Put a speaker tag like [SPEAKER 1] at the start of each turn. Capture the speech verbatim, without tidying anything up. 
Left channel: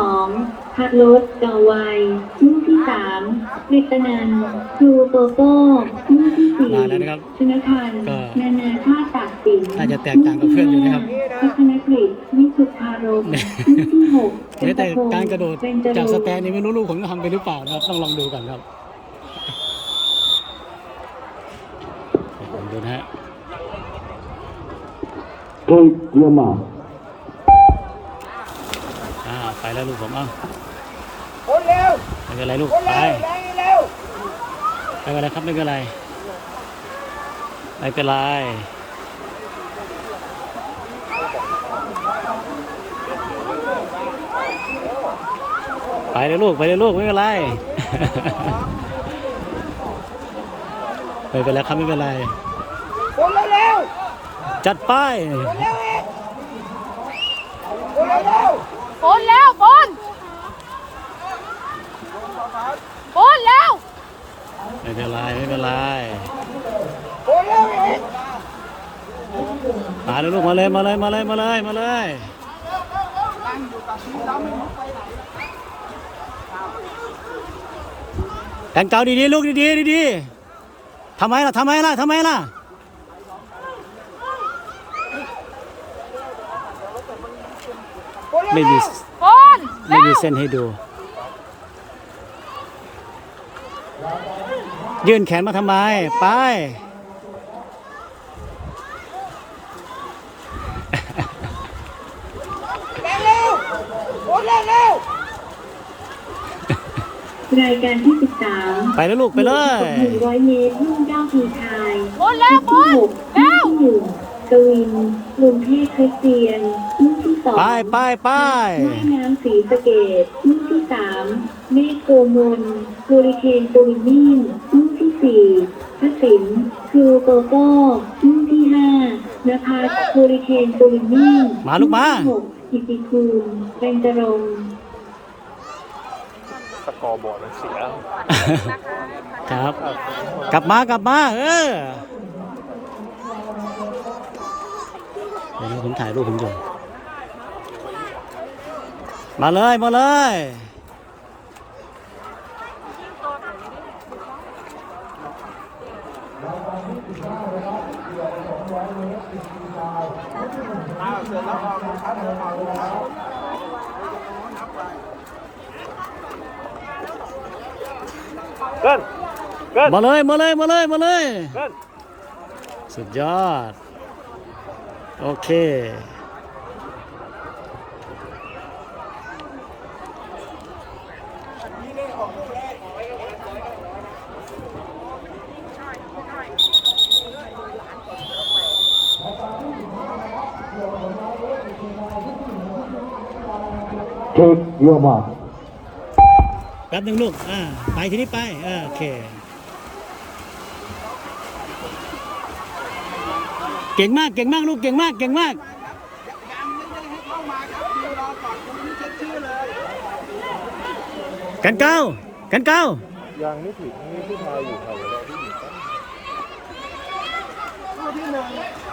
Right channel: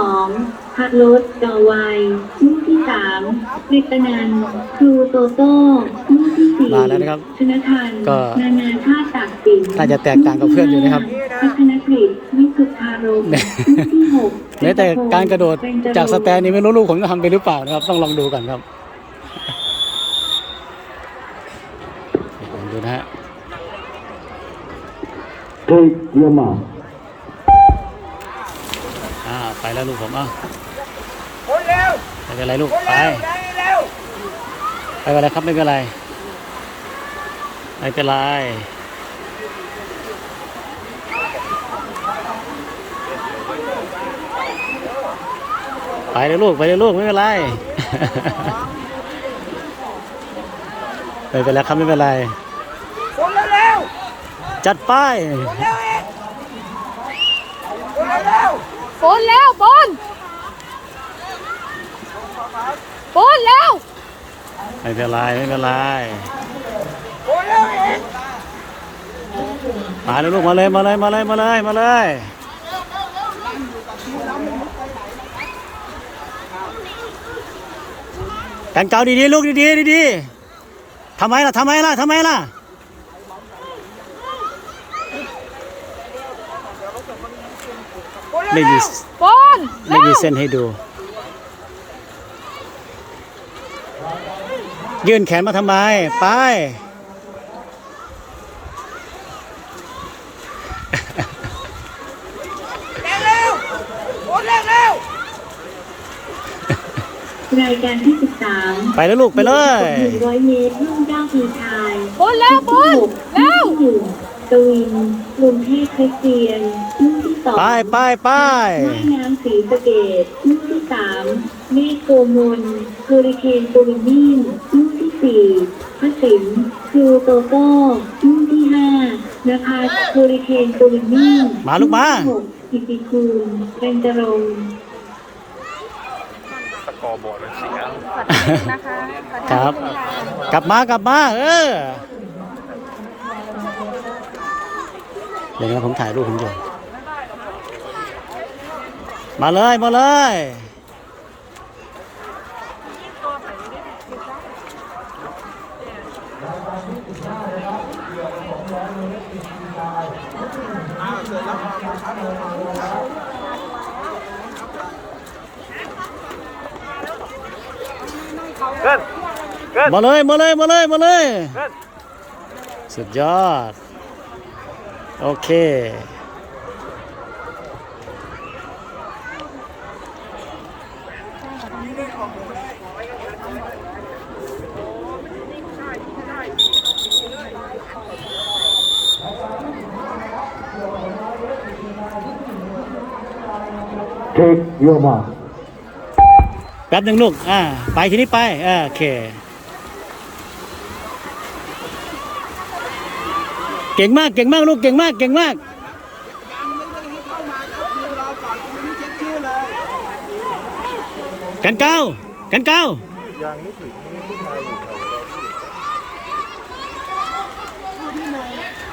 [SPEAKER 1] องพระรถจอไวลูกที่สามกฤตนันท์ครูโตโต้ลูกที่สี่
[SPEAKER 2] มาแล้วนะครับ
[SPEAKER 1] ชนทัน
[SPEAKER 2] ก็
[SPEAKER 1] นานาชาติตากสิน
[SPEAKER 2] น่าจะแตกต่างกับเพื่อนอยู่นะครับ
[SPEAKER 1] พัฒนกฤษวิสุทธารมลูกที่หก
[SPEAKER 2] แม้แต่การกระโดดจากสแตนนี่ไม่รู้ลูกผมจะทำไปหรือเปล่านะครับต้องลองดูกันครับดูนะฮะอ่าไปแล้วลูกผมเอ้าไม่เป็นไรลูกไปไม่เป็นไรครับไม่เป็นไรไม่เป็นไรไปเลยลูกไปเลยลูกไม่เป็นไรไม่เป็นไรครับไม่เป็นไรจัดไป
[SPEAKER 3] บอลแล้วบอลบอลแล้ว
[SPEAKER 2] ไม่เป็นไรไม่เป็นไรมาเลยลูกมาเลยมาเลยมาเลยมาเลยมาเลยแต่งเก่าดีๆลูกดีๆดีๆทำไมล่ะทำไมล่ะทำไมล่ะไม่มีไม่มีเส้นให้ดูยื่นแขนมาทำไมไป
[SPEAKER 1] รายการที่สิบสาม
[SPEAKER 2] ไปแล้วลูกไปเลย
[SPEAKER 1] หนึ่งร้อยเมตรรุ่นเจ้าทีชาย
[SPEAKER 3] บอลแล้วบอลแล้ว
[SPEAKER 1] หนึ่งกวินกรุงเทพคริสเตียนลูกที่สอง
[SPEAKER 2] ไปไปไป
[SPEAKER 1] แม่น้ำศรีสะเกษลูกที่สามเมฆโกมลเฮอริเคนตูนิ่งลูกที่สี่พระสิงห์ครูโตโต้ลูกที่ห้านภาเฮอริเคนตูนิ่ง
[SPEAKER 2] มาลูกมา
[SPEAKER 1] อิติคูลเบญจรงค์
[SPEAKER 4] กอบอร์ดเสีย
[SPEAKER 2] ครับกลับมากลับมาเออเดี๋ยวนะผมถ่ายรูปผมอยู่มาเลยมาเลย
[SPEAKER 4] เกินเกิน
[SPEAKER 2] มาเลยมาเลยมาเลยมาเลยสุดยอดโอเค
[SPEAKER 5] เทคโยมา
[SPEAKER 2] แป๊บหนึ่งลูกอ่าไปทีนี้ไปอ่าโอเคเก่งมากเก่งมากลูกเก่งมากเก่งมากกันเก้ากันเก้า
[SPEAKER 4] ยังไม่ถึง